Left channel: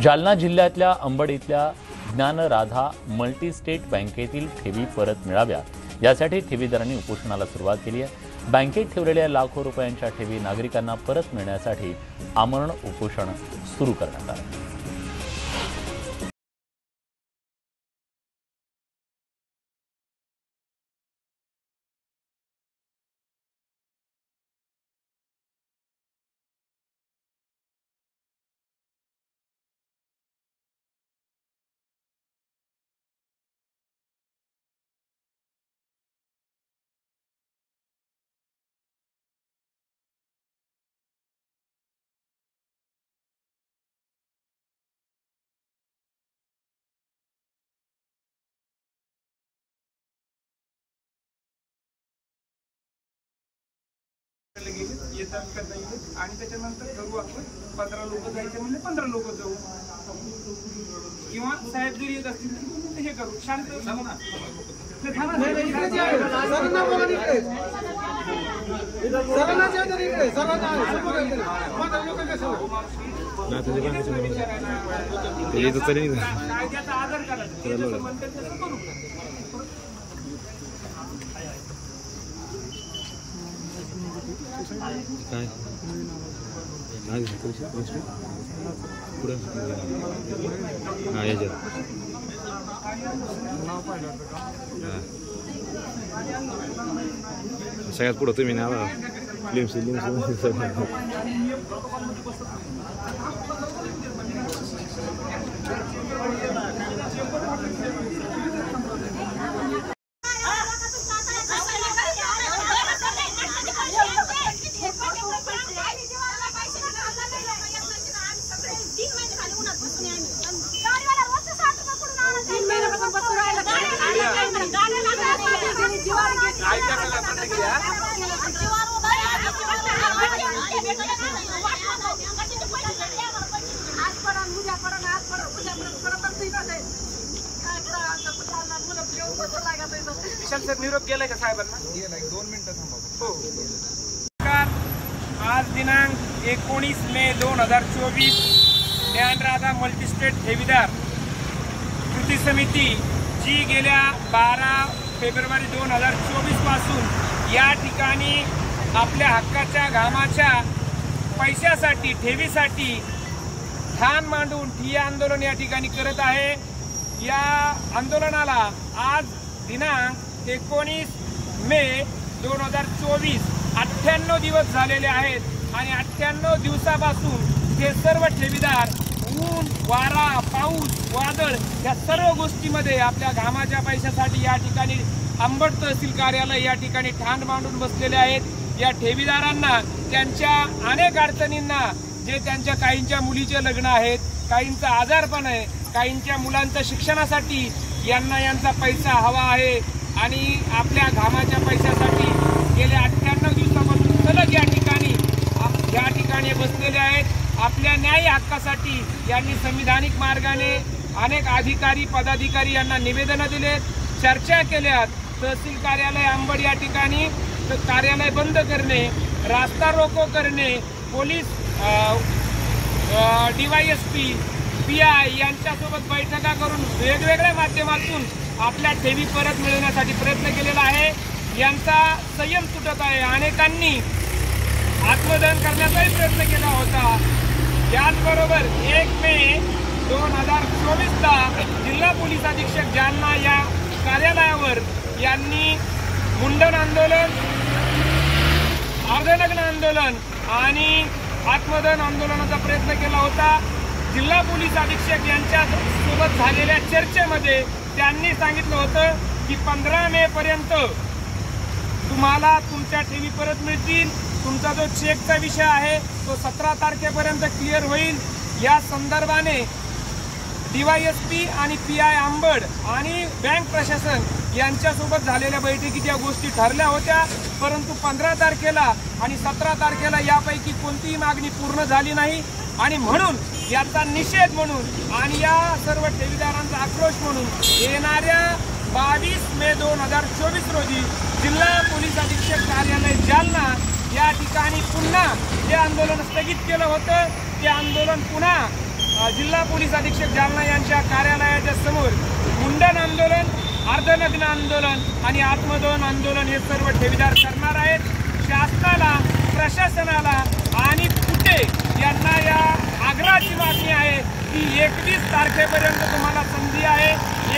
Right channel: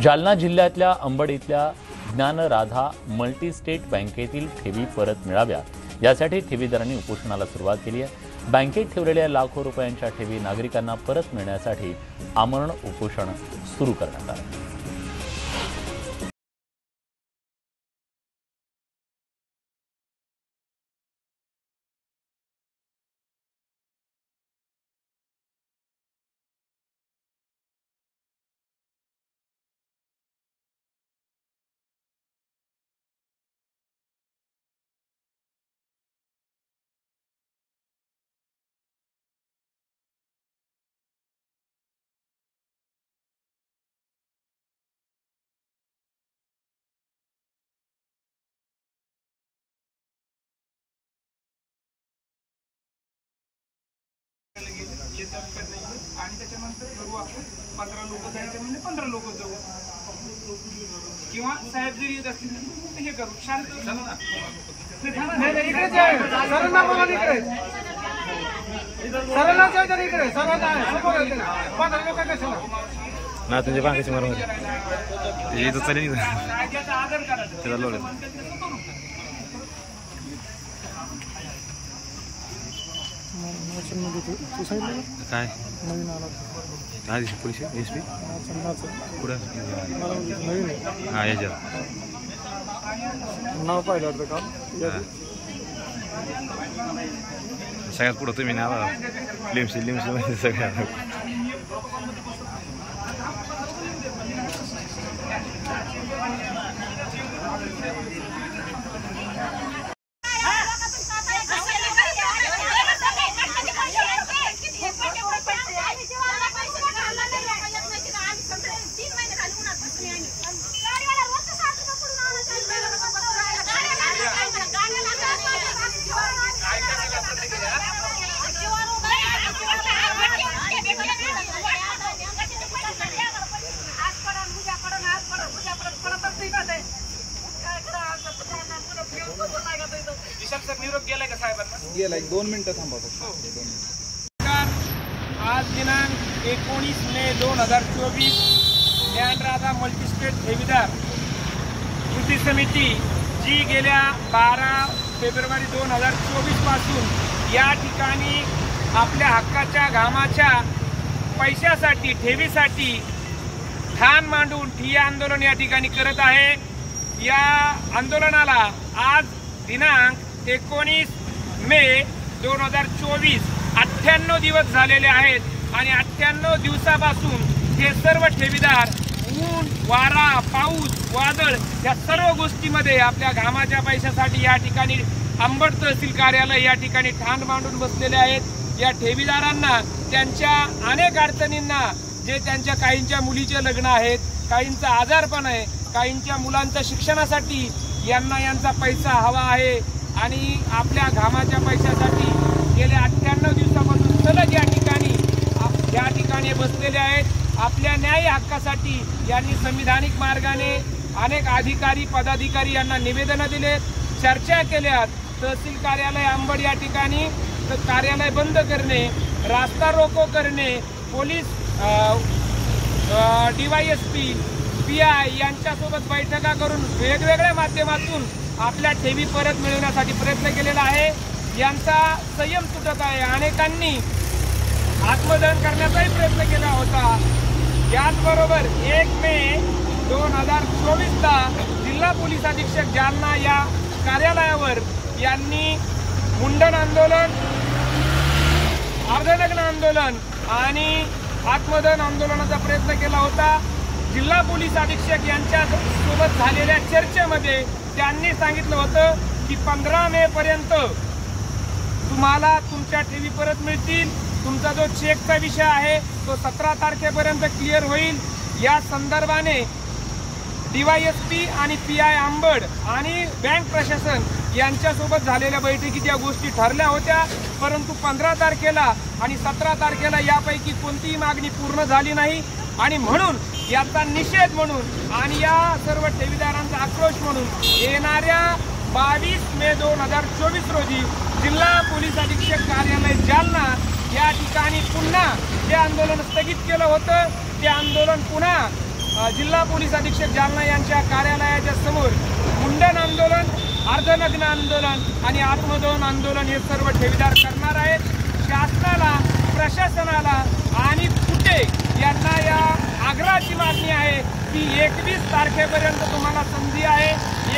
जालना जिल्ह्यातल्या अंबड इथल्या ज्ञानराधा मल्टीस्टेट बँकेतील ठेवी परत मिळाव्यात यासाठी ठेवीदारांनी उपोषणाला सुरुवात केली आहे। बँकेत ठेवलेल्या लाखो रुपयांच्या ठेवी नागरिकांना परत मिळण्यासाठी आमरण उपोषण सुरू करण्यात आले। येतात का नाही आणि त्याच्यानंतर ठरवू आपण 15 लोक जायचे म्हणजे 15 लोक जाऊ किंवा साहेब जरी येत असतील तर हे करू शांत ना तुझ्या बँकेची मरून चालेल कायद्याचा आदर करायचा काय आधी पैसे एस पी पुढं हां याच्यात नाव पाहिलं होतं का हां सगळ्यात पुढं तुम्ही नाव लिम्स म्हणजे सगळ्या निरोप गेलाय का साहेबांना? गेलाय 2 मिनिटं थांबा। आज दिनांक 19 मे 2024 ज्ञानराधा मल्टीस्टेट ठेवीदार कृती समिती जी गेल्या 12 फेब्रुवारी 2024 पासून या ठिकाणी आपल्या हक्काच्या घामाच्या पैशासाठी ठेवीसाठी ठाण मांडून ठिय्या आंदोलन या ठिकाणी करत आहे। या आंदोलनाला आज दिनांक 19 मे 2024 98 दिवस झालेले आहेत आणि 98 दिवसापासून हे सर्व ठेवीदार ऊन वारा पाऊस वादळ या सर्व गोष्टीमध्ये आपल्या घामाच्या पैशासाठी या ठिकाणी अंबड तहसील कार्यालय या ठिकाणी ठाण मांडून बसलेले आहेत। या ठेवीदारांना त्यांच्या अनेक अडचणींना जे त्यांच्या काहींच्या मुलीचे लग्न आहेत, काहींचा आजारपण आहे, काहींच्या मुलांच्या शिक्षणासाठी यांचा पैसा हवा आहे आणि आपल्या घामाच्या पैशासाठी गेल्या 98 दिवसापासून सलग या ठिकाणी बसलेले आहेत। आपल्या न्याय हक्कासाठी यांनी संविधानिक मार्गाने अनेक अधिकारी पदाधिकारी यांना निवेदन दिलेत, चर्चा केल्यात। तहसील कार्यालय अंबड या ठिकाणी कार्यालय बंद करणे, रास्ता रोको करणे, पोलीस DYSP PI यांच्यासोबत बैठका करून वेगवेगळ्या माध्यमातून आपल्या ठेवी परत मिळवण्यासाठी प्रयत्न केलेला आहे। यांचा संयम तुटत आहे। अनेकांनी आत्मदहन करण्याचाही प्रयत्न केला होता। याचबरोबर 1 मे 2024 जिल्हा पोलीस अधीक्षक जालना या कार्यालयावर यांनी मुंडन आंदोलन, अर्धनग्न आंदोलन आणि आत्मदहन आंदोलनाचा प्रयत्न केला होता। जिल्हा पोलीस अधीक्षक यांच्या सोबत झालेल्या चर्चेमध्ये त्यांनी सांगितलं होतं की 15 मे पर्यंत तुम्हाला तुमच्या ठेवी परत मिळतील। तुमचा जो चेकचा विषय आहे तो 17 तारखेपर्यंत क्लिअर होईल। या संदर्भाने DYSP आणि PI अंबड आणि बँक प्रशासन यांच्यासोबत झालेल्या बैठकीत या गोष्टी ठरल्या होत्या, परंतु 15 तारखेला आणि 17 तारखेला यापैकी कोणतीही मागणी पूर्ण झाली नाही आणि म्हणून याचा निषेध म्हणून आणि या सर्व ठेवीदारांचा आक्रोश म्हणून येणाऱ्या 22 मे 2024 रोजी जिल्हा पोलीस अधीक्षक कार्यालय जालना या ठिकाणी पुन्हा जे आंदोलन स्थगित केलं होतं ते आंदोलन पुन्हा जिल्हा पोलीस अधीक्षक जालना यांच्या कार्यालयाच्या समोर मुंडन आंदोलन, अर्धनग्न आंदोलन आणि आत्मदहन आंदोलन हे सर्व ठेवीदार करणार आहेत. शासनाला, प्रशासनाला आणि कुठे यांना या आग्रहाची मागणी आहे की 21 तारखेपर्यंत तुम्हाला संधी आहे.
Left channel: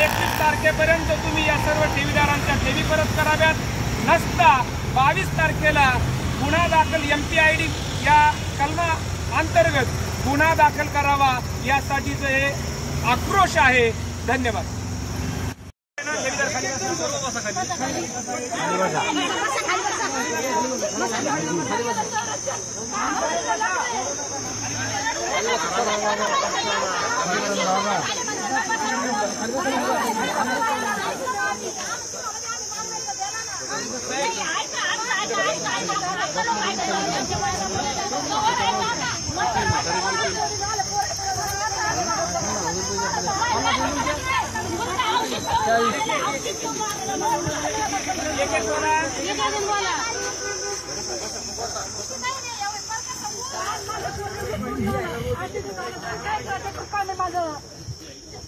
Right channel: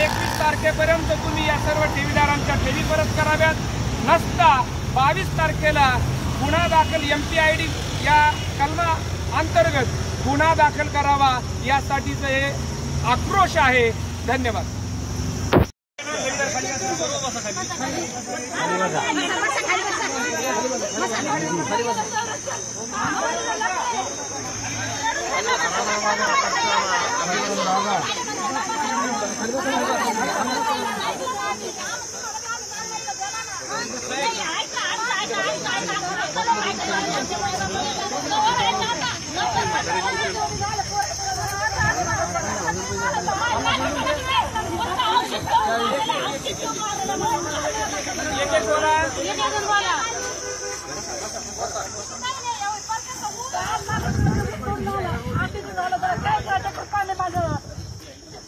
21 तारखेपर्यंत तुम्ही या सर्व ठेवीदारांच्या ठेवी परत कराव्यात. नसता 22 तारखेला गुन्हा दाखल MPID या कलमा अंतर्गत गुन्हा दाखल करावा यासाठीचं हे आक्रोश आहे. धन्यवाद.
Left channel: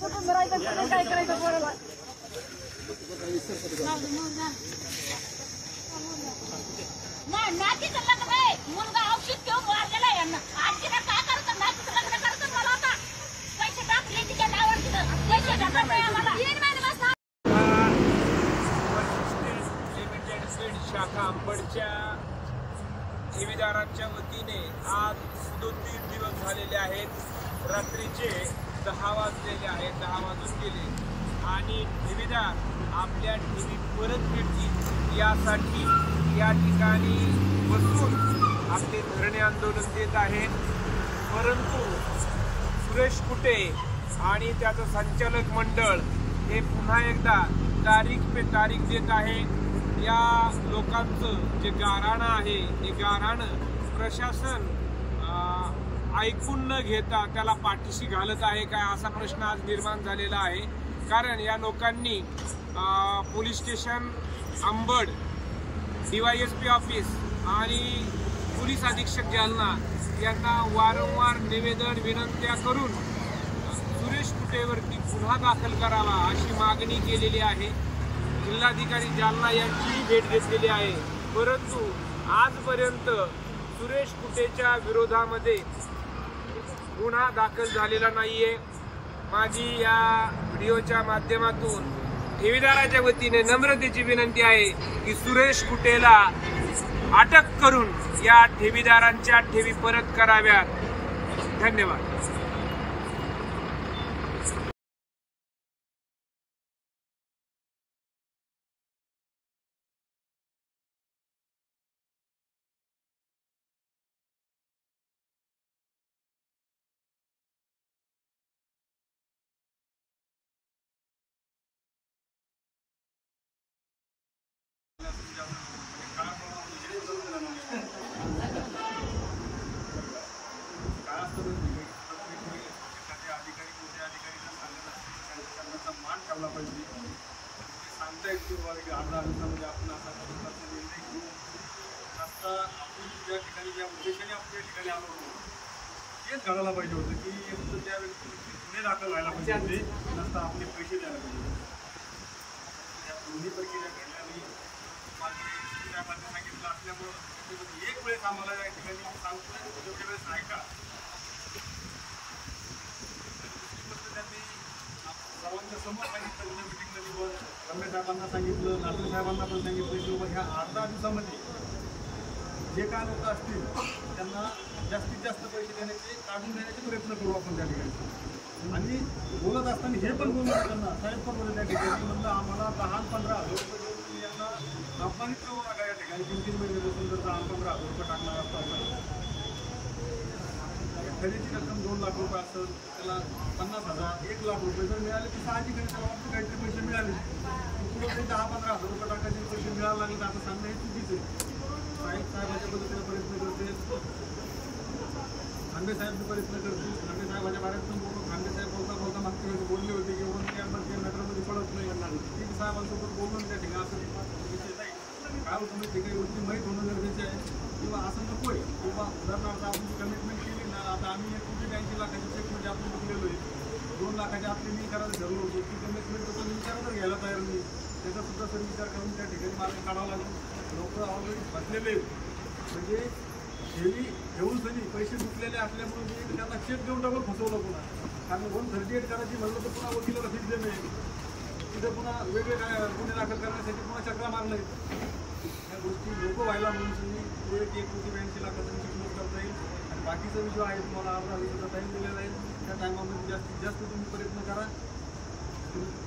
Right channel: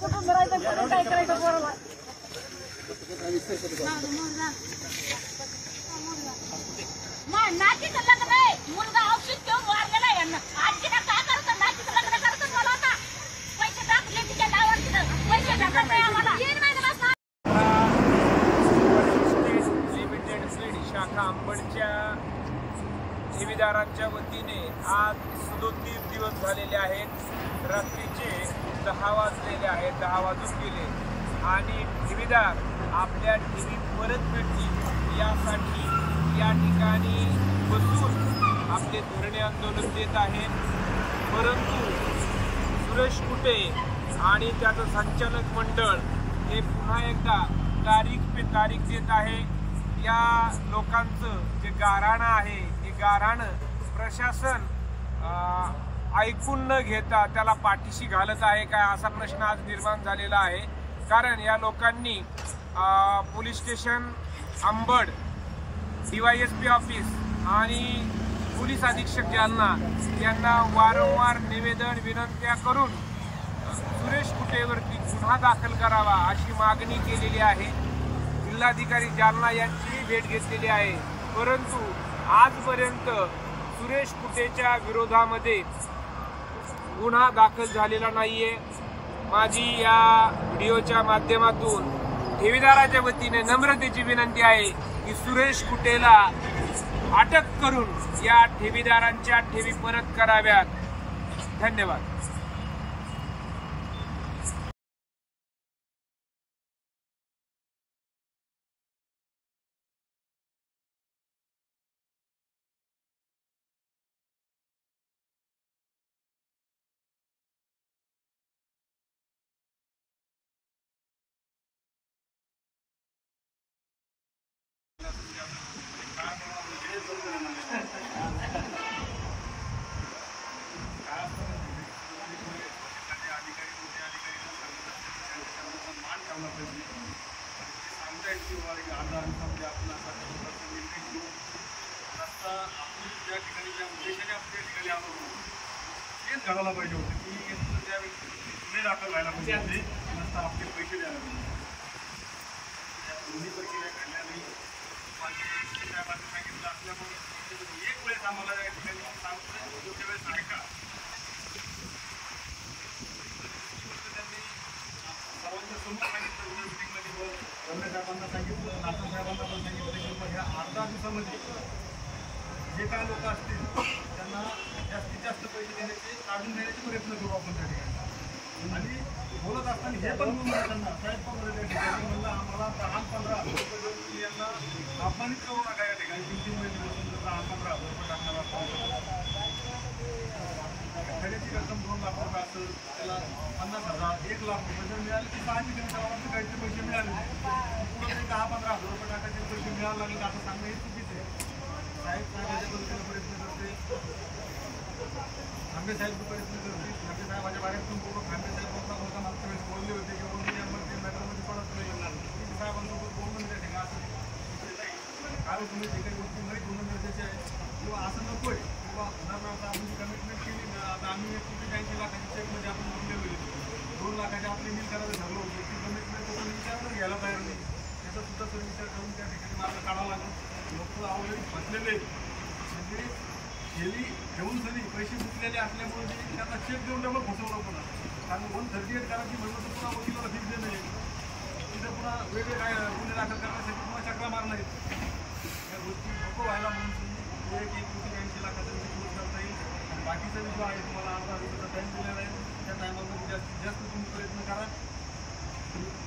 कुठून राहायचं, काय करायचं पोराला. नातीचं लग्न आहे, मुलगा औषध घेऊन वाढलेला आहे. आजची काय करतात, नातीचं लग्न करतात मला आता पैसे टाकले तिच्या नावावर पैसे लिमिटेड फीड शाखा अंबडच्या ठेवीदारांच्या वतीने आज 37 दिवस झालेले आहेत. रात्रीचे 10 वाजलेले आहेत, 10 वाजून गेले आणि ठेवीदार आपल्या ठेवी परत मिळतील यासाठी या ठिकाणी बसून आपले धरणे आंदोलन देत आहेत. परंतु सुरेश कुटे आणि त्याचं संचालक मंडळ हे पुन्हा एकदा तारीख पे तारीख देत आहे. या लोकांचं जे गाऱ्हाणं आहे ते गाऱ्हाणं प्रशासन ऐकून न घेता त्याला पाठीशी घालत आहे काय असा प्रश्न आज निर्माण झालेला आहे. कारण या लोकांनी police station Ambad, DYSP office आणि पोलीस अधीक्षक जालना यांना वारंवार निवेदन विनंत्या करून सुरेश कुटेवरती गुन्हा दाखल करावा अशी मागणी केलेली आहे. जिल्हाधिकारी जालना यांचीही भेट घेतलेली आहे. परंतु आजपर्यंत सुरेश कुटेच्या विरोधामध्ये गुन्हा दाखल झालेला नाहीये. माझी या व्हिडिओच्या माध्यमातून ठेवीदाराच्या वतीने नम्रतेची विनंती आहे की सुरेश कुटेला अटक करून या ठेवीदारांच्या ठेवी परत कराव्यात. धन्यवाद. ठेवला पाहिजे आणि ते सांगता येत की अर्धा दिवसामध्ये आपण असा प्रकारचा निर्णय घेऊ. आता आपण ज्या ठिकाणी ज्या उद्देशाने आपण त्या ठिकाणी आलो होतो तेच घडायला पाहिजे होतं की त्या व्यक्तीवरती गुन्हे दाखल व्हायला पाहिजे होते, नसता आपले पैसे द्यायला पाहिजे. दोन्ही प्रक्रिया घडल्या नाही. साहेबांनी सांगितलं असल्यामुळं एक वेळेस आम्हाला या ठिकाणी सांगतोय तेवढ्या वेळेस ऐका. त्यांनी सर्वांच्या समोर सांगितलं मीटिंगमध्ये, रम्या साहेबांना सांगितलं, नाथन साहेबांना पण सांगितलं की बाबा ह्या अर्धा दिवसामध्ये जे काय लोक असतील त्यांना जास्तीत जास्त पैसे देण्याचे, काढून देण्याचे प्रयत्न करू आपण त्या ठिकाणी. आणि बोलत असताना हे पण बोललं त्यांना, साहेब पण बोलले त्या ठिकाणी, म्हणलं आम्हाला 10-15 हजार रुपये देऊन तुम्ही यांना अपमानित करू नका. या ठिकाणी 3-3 महिने बसून जर 10-15 हजार रुपये टाकणार असताना खरेदीची रक्कम 2 लाख रुपये असेल, त्याला 50,000, 1 लाख रुपये जर मिळाले तर साहजिक त्याला वाटतं काहीतरी पैसे मिळाले. पुढं तरी 10-15 हजार रुपये टाकायचे पैसे मिळायला लागले तर असं सांगणं हे चुकीचं आहे. साहेबाच्या पद्धतीने प्रयत्न करते, खांबे साहेब प्रयत्न करतील. खांबे साहेबाच्या बाहेर पण बोलतो. खांबे साहेब बोलता मागच्या वेळेस बोलले होते की बाबा ते मॅटरमध्ये पडत नाही. ती साहेबांसोबत बोलणं त्या ठिकाणी असं विषय नाही. काय होतं माहिती काही गोष्टी माहीत होणं गरजेचे आहे किंवा असं नको आहे किंवा उदाहरणार्थ आपण जी कमिटमेंट केली ना, आता आम्ही 1 कोटी 80 लाखाची चेक म्हणजे आपण लाखाच्या आपले नील करायला ठरलं होतं, ती कमिटमेंट तर कोणी विचारायला घ्यायला तयार नाही. त्याचा सुद्धा सर विचार करून त्या ठिकाणी मार्ग काढावा लागेल. लोक ऑलरेडी फसलेले म्हणजे ठेवी ठेवून सरी पैसे गुंतलेले असल्यामुळे जे त्यांना चेक देऊन डबल फसवलं पुन्हा. कारण 138 करायची म्हटलं तर पुन्हा वकिलाला फीस देणं आहे, तिथं पुन्हा वेगळे काय गुन्हे दाखल करण्यासाठी पुन्हा चक्रा मारणं आहे. या गोष्टी नको व्हायला म्हणून तुम्ही 1,80,82 लाखाचा विषय करता येईल आणि बाकीचा जो आहे तुम्हाला अर्धा दिवसाचा टाईम दिलेला आहे त्या टायमामध्ये जास्तीत जास्त तुम्ही प्रयत्न करा.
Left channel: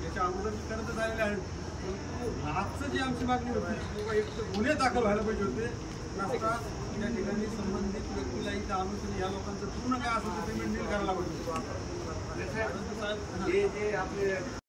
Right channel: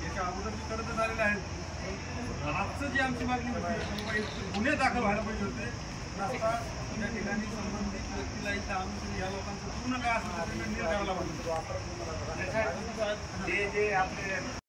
याच्या अगोदर मी करतच आलेले आहेत, परंतु आजचं जी आमची मागणी होती किंवा एक गुन्हे दाखल व्हायला पाहिजे होते नसता त्या ठिकाणी संबंधित व्यक्तीला इथं आणून या लोकांचं पूर्ण काय असेल ते पेमेंट नील करायला पाहिजे. जे आपले